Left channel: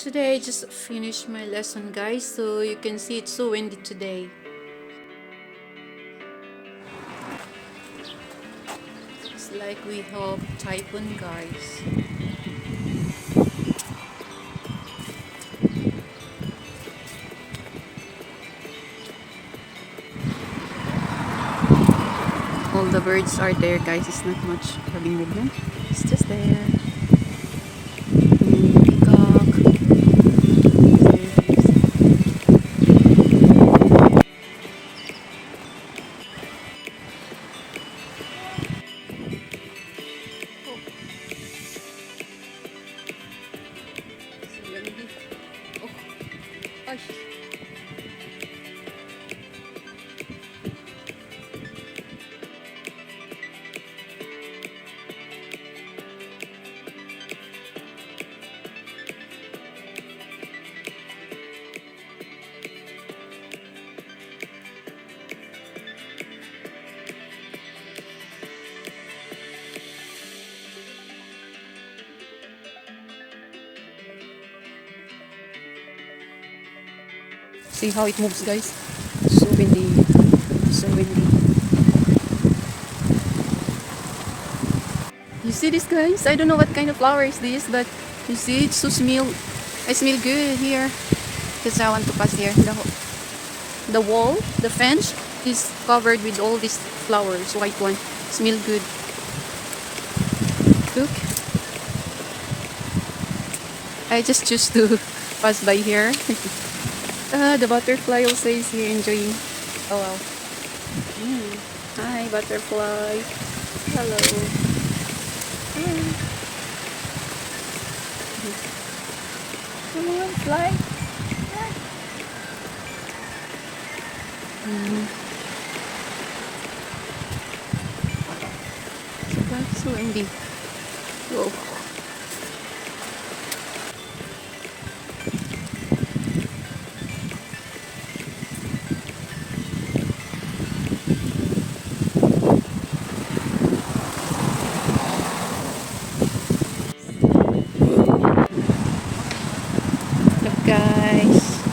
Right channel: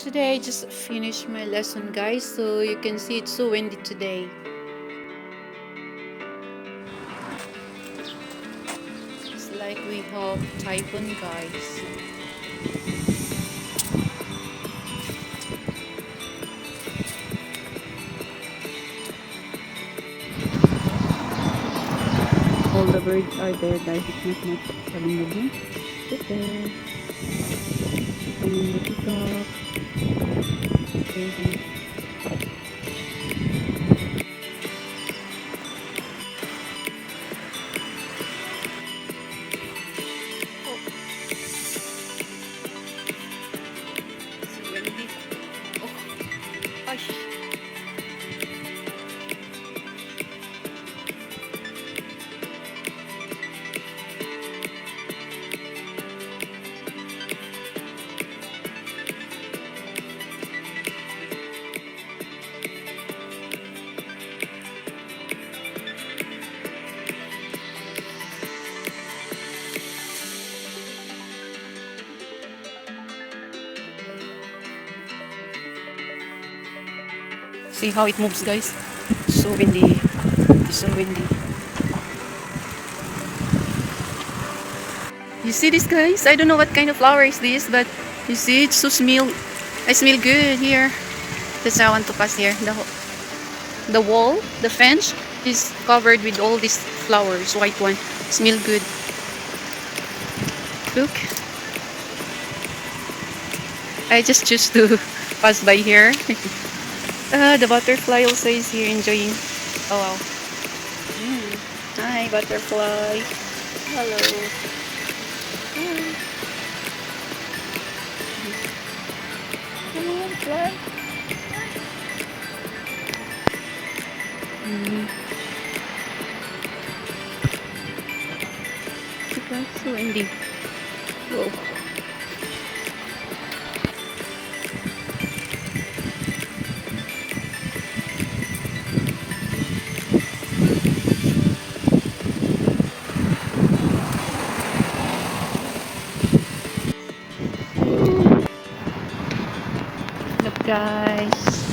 Today I just finished my lesson, guys, so you can see it's so windy today. It's like we have typhoon, guys. All the birds are there, guys. It's not much having movement. It's just there. And the peacock. Oh, it's windy. Oh, gosh. See how it moves, guys. It's so windy. It's so windy. You see this, guys? I don't know what kind of flower is this, but you see it's so smell. I smell good here. That's why I want to pass here. The wall, the fence is covered with all these flowers. White one. Smell good. Look. I just choose to pass by here. The butterfly also is here enjoying. Oh wow. Hi butterfly. Hello. Hi. Come on, fly. That's so windy. Whoa. Look, guys.